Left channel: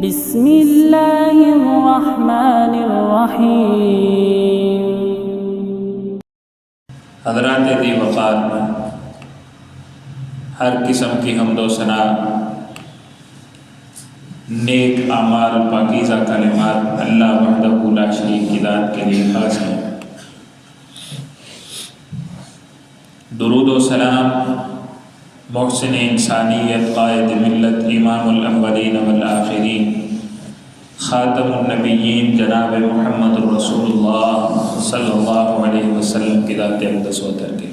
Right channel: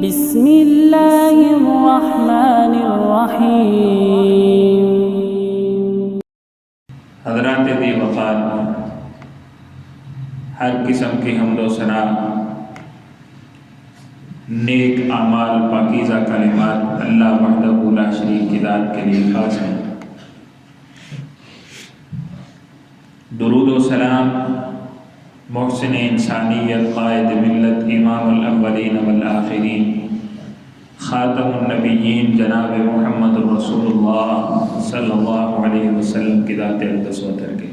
بسم اللہ الرحمن الرحیم۔ حضرات ذی وقار، ہر قسم کی حمد و ثنا نیک اعمال پاکیزہ کلمات اللہ وحدہ لا شریک کی ذات کے لیے خاص ہے۔ درود و سلام محسن انسانیت قائد ملت امام الاولین والآخرین خاتم النبیین جناب محمد الرسول اللہ صلی اللہ علیہ وسلم کی ذات اقدس و تر کے۔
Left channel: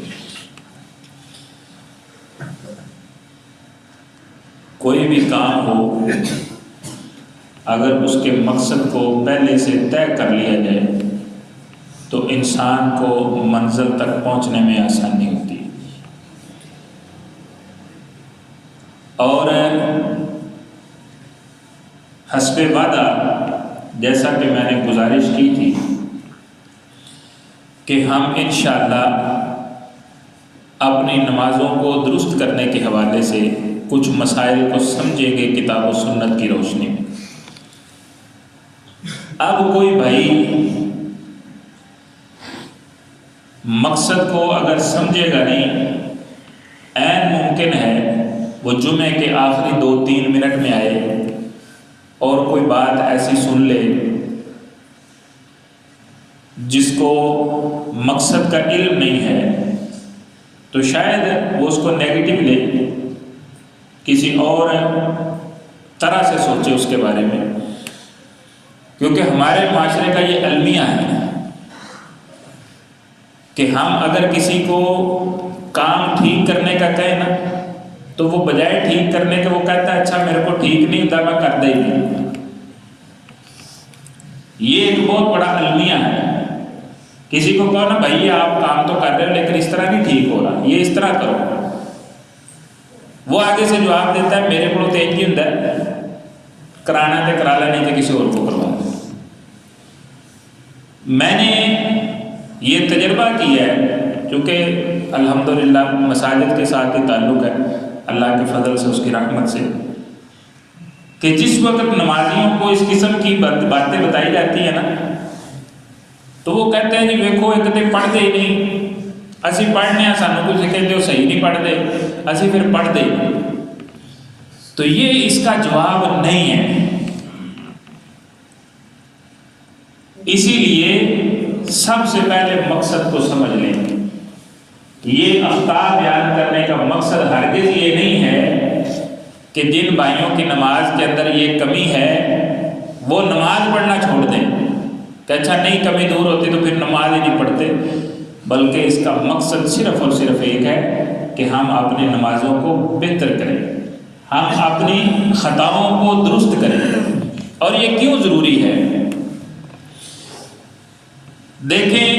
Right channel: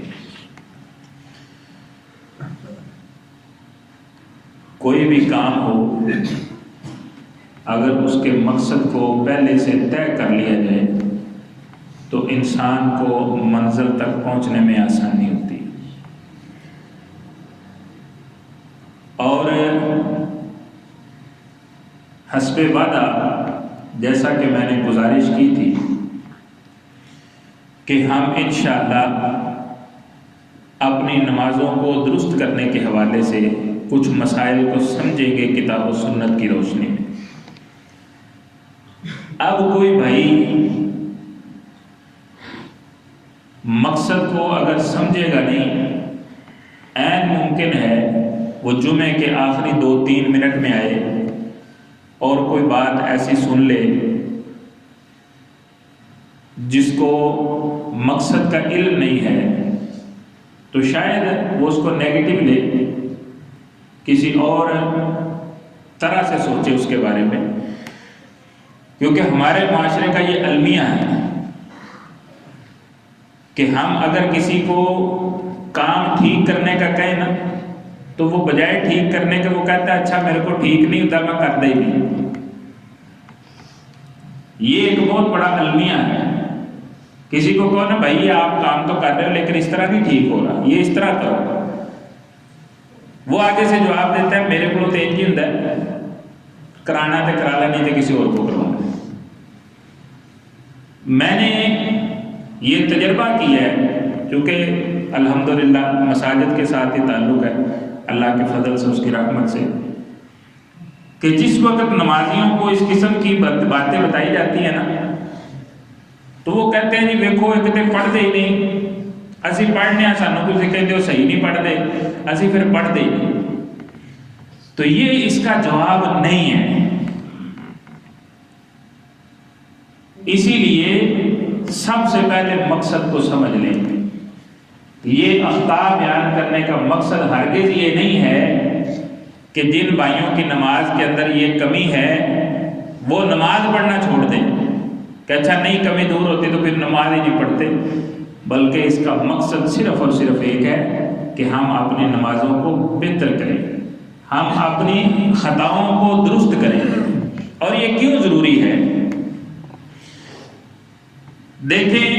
کوئی بھی کام ہو اگر اس کے مقصد کو پہلے سے طے کر لیا جائے تو انسان کو منزل تک پہنچنے میں آسانی ہوتی ہے۔ اور حسب وعدہ جیسا کہ میں نے گزارش کی تھی کہ ہم انشاءاللہ اپنی نمازوں کو درست کرنے کے حوالے سے کچھ مسائل کو سمجھیں گے کتاب و سنت کی روشنی میں۔ اب کوئی بھائی مقصد کو اگر سمجھے گا نہیں، عین ممکن ہے وہ جمعے کے آخری 2-3 منٹ میں آئے اور کوئی بات ایسی سن لے جس کو مقصد کا علم نہیں ہے تو شاید وہ اس کو نیگیٹو لے، کسی اور طرح سے سوچے اس کے بارے میں، کیونکہ ہمارے معاشرے کا یہ المیہ ہے کہ ہم اگر کسی کو کام ٹھیک کرنے کا کہیں نا تو وہ بجائے ٹھیک کرنے کے وہ کہتا ہے اچھا میرے کو ٹھیک نہیں ہوتا میں کر دے نہیں۔ یہ ایک بہت بڑا المیہ ہے۔ کسی کو کہو نا بھائی آپ کام تو کر رہے ہو لیکن اس طرح نہیں ٹھیک ہو رہا، یہ اس طرح کرو، وہ آگے سے جواب دیتا ہے میرے کو تو ایک ہی ہوتا ہے کرانا تے کرا لا، نہیں تو کسی اور کو کروا دے۔ میں نے یہ تجربہ کیا ہے کیونکہ الحمدللہ مساجد کے ساتھ ہی تعلق ہے اللہ کے فضل سے، اس کی رحمت سے، کہ جس وقت نمازیوں کو اس قسم کی باتیں بتائی جاتی ہیں نا تو وہ کہتے ہیں جی ویکھو ایک تے پڑھ دے ہی نہیں، اسی پڑھنے سانو کچھ کہتے ہو صحیح نہیں پڑھ دے، اسی پھر پڑھ دے۔ تو یہ اس کا جواب نہیں ہے۔ اسی لیے سب سے پہلے مقصد کو سمجھ لیں۔ یہ اخطاء بیان کرنے کا مقصد ہرگز یہ نہیں ہے کہ جن بھائیوں کی نماز کے اندر یہ کمی ہے وہ نماز پڑھنا چھوڑ دیں کہ اچھا نہیں کمی دور ہوتی تو پھر نماز ہی نہیں پڑھتے، بلکہ اس کا مقصد صرف اور صرف ایک ہے کہ ہم اپنی نمازوں کو بہتر کریں، ہم اپنی خطاؤں کو درست کریں۔ اور یہ کیوں ضروری ہے؟ دیکھیں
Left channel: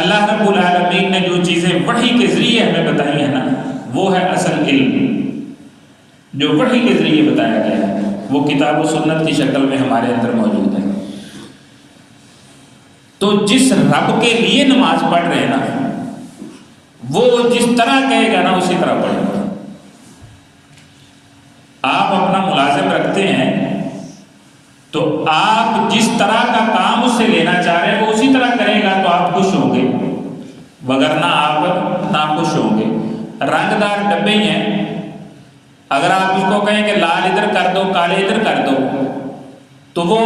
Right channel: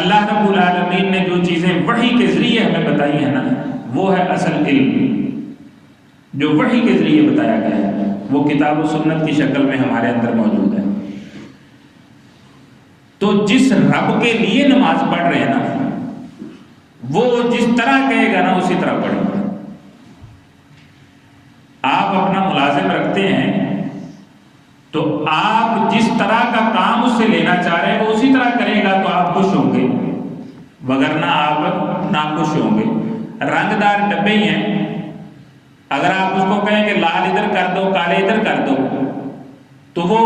اللہ رب العالمین نے جو چیزیں وحی کے ذریعے ہمیں بتائی ہیں نا وہ ہے اصل علم، جو وحی کے ذریعے بتایا گیا ہے وہ کتاب و سنت کی شکل میں ہمارے اندر موجود ہے۔ تو جس رب کے لیے نماز پڑھ رہے ہیں نا وہ جس طرح کہے گا نا اسی طرح پڑھیں گے۔ آپ اپنا ملازم رکھتے ہیں تو آپ جس طرح کا کام اس سے لینا چاہ رہے ہیں وہ اسی طرح کرے گا تو آپ خوش ہوں گے، وگرنہ آپ ناخوش ہوں گے۔ رنگ دار ڈبے ہی ہیں، اگر آپ اس کو کہیں کہ لال ادھر کر دو کالے ادھر کر دو تو وہ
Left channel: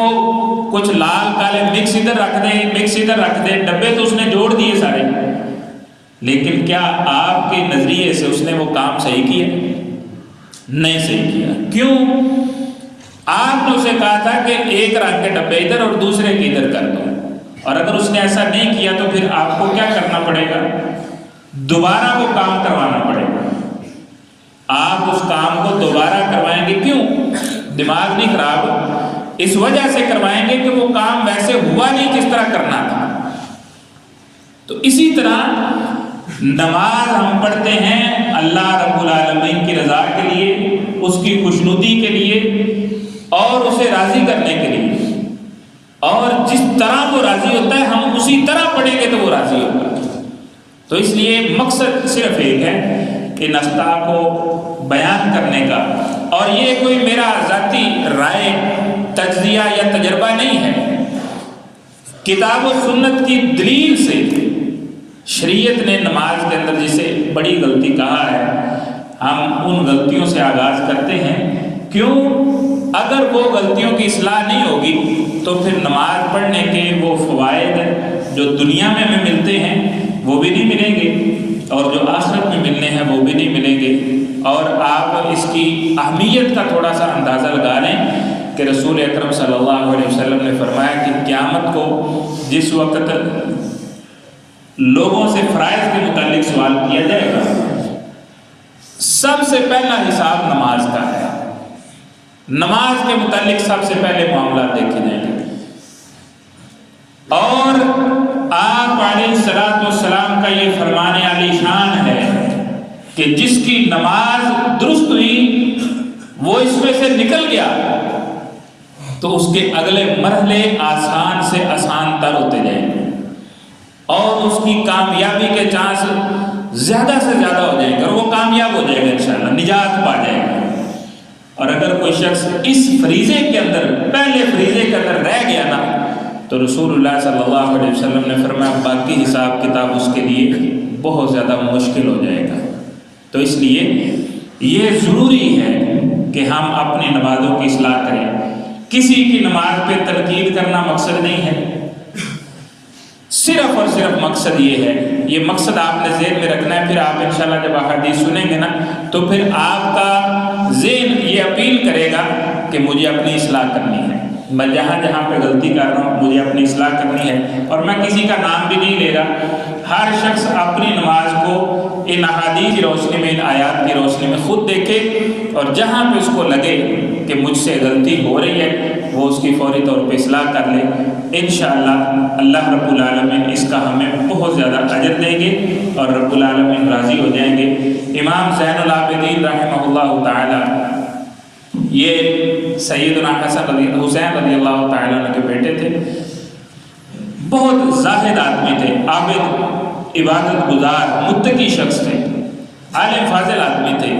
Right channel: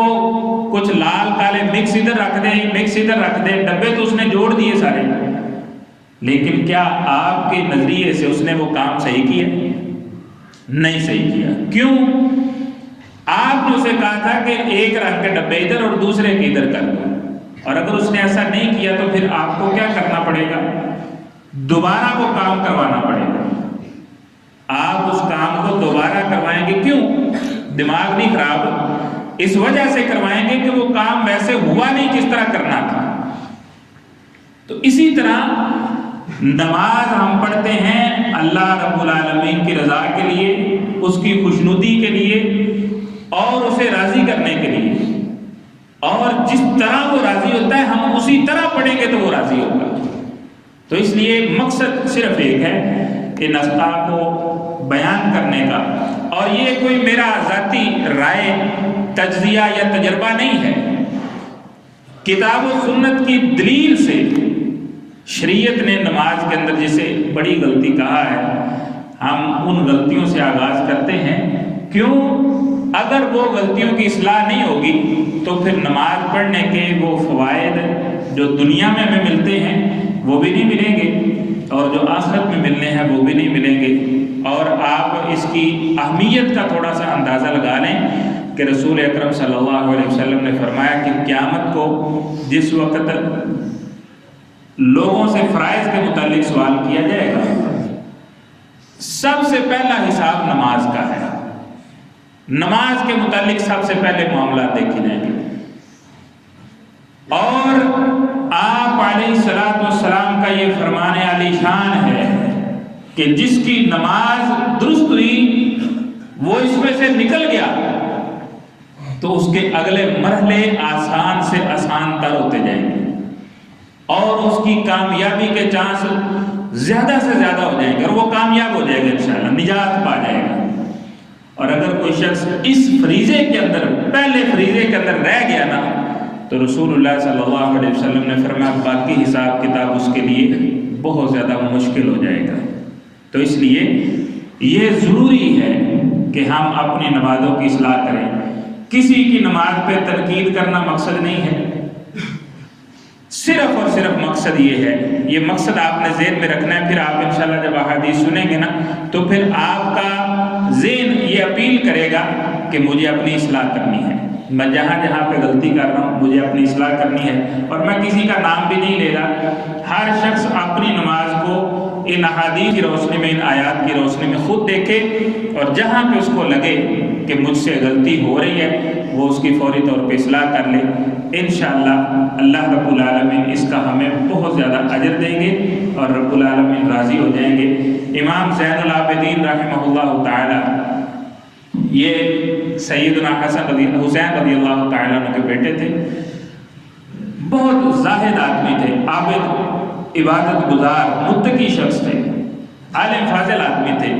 کچھ لال کالے مکس ادھر رکھ دے مکس ادھر رکھ دے، ڈبے تو اس نے جوڑ دیے سارے، لیکن کیا آپ کے نظریے سے اس نے وہ کام صحیح کیا؟ نہیں صحیح کیا۔ کیوں؟ آپ نے اسے کہا تھا کہ ایک رنگ کے ڈبے ادھر اور دوسرے کے ادھر کر دو، اور اگر اس نے ایسا نہیں کیا تو پھر آپ کو کیا کرنا پڑے گا؟ دوبارہ وہ کام کروانا پڑے گا۔ آپ اس کام کو دوبارہ کروائیں گے، کیوں؟ دماغ نہیں خراب، اس وجہ سے کروائیں گے کہ وہ کام ویسے ہوا نہیں کس طرح کرنا تھا۔ تو اسی طرح نماز ہم پڑھتے ہیں اللہ رب العالمین کی رضا کے لیے، اس کی خوشنودی کے لیے اور اسے راضی کرنے کے لیے، اور جس طرح وہ راضی ہوتا ہے ہم اسی طرح پڑھیں گے تو وہ راضی ہوگا۔ تو اس لیے مقصد صرف ایک ہے کہ نستا کو بیان کرنے کا اور یہ کوئی میرا ذاتی رائے، تجزیہ یا تجربہ نہیں ہے، کتاب و سنت کی دلیل سے شریعت نے نماز کے اندر جسے بڑی غلطی کہا ہے، ہم ان غلطیوں سے آغاز کرتے ہیں۔ کیوں؟ اگر وہ غلطیوں کی اصلاح نہیں ہوگی تو پھر نماز پڑھنے کے وہ فوائد جو دنیا میں ہمیں ملتے ہیں وہ بھی نہیں ملیں گے، اور جو آخرت میں ملنے ہیں وہ بھی نہیں ملیں گے۔ اور آپ اس کی اہمیت کا تھوڑا سا اندازہ لگا لیں کہ رسول اکرم صلی اللہ علیہ وسلم نے فرمایا کہ قیامت کو جس وقت لوگوں سے فرائض کے متعلق سوال کیا جائے گا، سب سے پہلا حساب نماز کا ہے، نماز کے متعلق سب سے پہلے معاملات دیکھے جائیں گے۔ اور آپ علیہ الصلوۃ والسلام کا یہ فرمان علی شان ہے کہ جس کی نماز درست ہوئی وہ اس میں سے نکل گیا تو اس کے اگلے مرحلے آسان سے آسان تر ہوتے جائیں گے، اور اس کی کامیابی کے چانس زیادہ سے زیادہ ہو جائیں گے، اور وہ کامیاب ہو جائے گا انشاءاللہ، نجات پا جائے گا۔ اور اگر کوئی شخص اس فریضے کے اندر، پہلے فریضے کے اندر رہ گیا نا، تو رسول اللہ صلی اللہ علیہ وسلم نے فرمایا باقی حساب کتاب اس کے لیے بہت زیادہ مشکل ہو جائے گا۔ تو اس لیے یہ ضروری ہے کہ ہم اپنی نمازوں کی اصلاح کریں۔ کسی کی نماز پہ تنقید کرنا مقصد نہیں ہے، صرف اور صرف مقصد یہ ہے، یہ مقصد آپ نے ذہن میں رکھنا ہے۔ پھر آپ انشاءاللہ جب احادیث سنیں گے نا تو پھر آپ کا ذہن یہ اپیل کرے گا کہ مجھے اپنی اصلاح کرنی ہے، میں جہاں جہاں پہ غلطی کر رہا ہوں مجھے اپنی اصلاح کرنی ہے۔ اور میں کسی کا نام بھی نہیں لے رہا، ہر شخص اپنی نماز کو ان احادیث کی روشنی میں، ان آیات کی روشنی میں خود دیکھے، اور جہاں پہ اس کو لگے کہ مجھ سے غلطی ہو رہی ہے وہ اس کی فوری طور پہ اصلاح کر لے۔ انشاءاللہ اللہ رب العالمین اس کا ہمیں بہت زیادہ اجر دیں گے اور رب العالمین راضی ہو جائیں گے۔ امام زین العابدین رحمہ اللہ تعالی یہ سیدنا حسین رضی اللہ تعالیٰ عنہ کے بیٹے تھے، بہت زاہد آدمی تھے، عابد، عبادت گزار، متقی شخص تھے، عالم فاضل آدمی تھے۔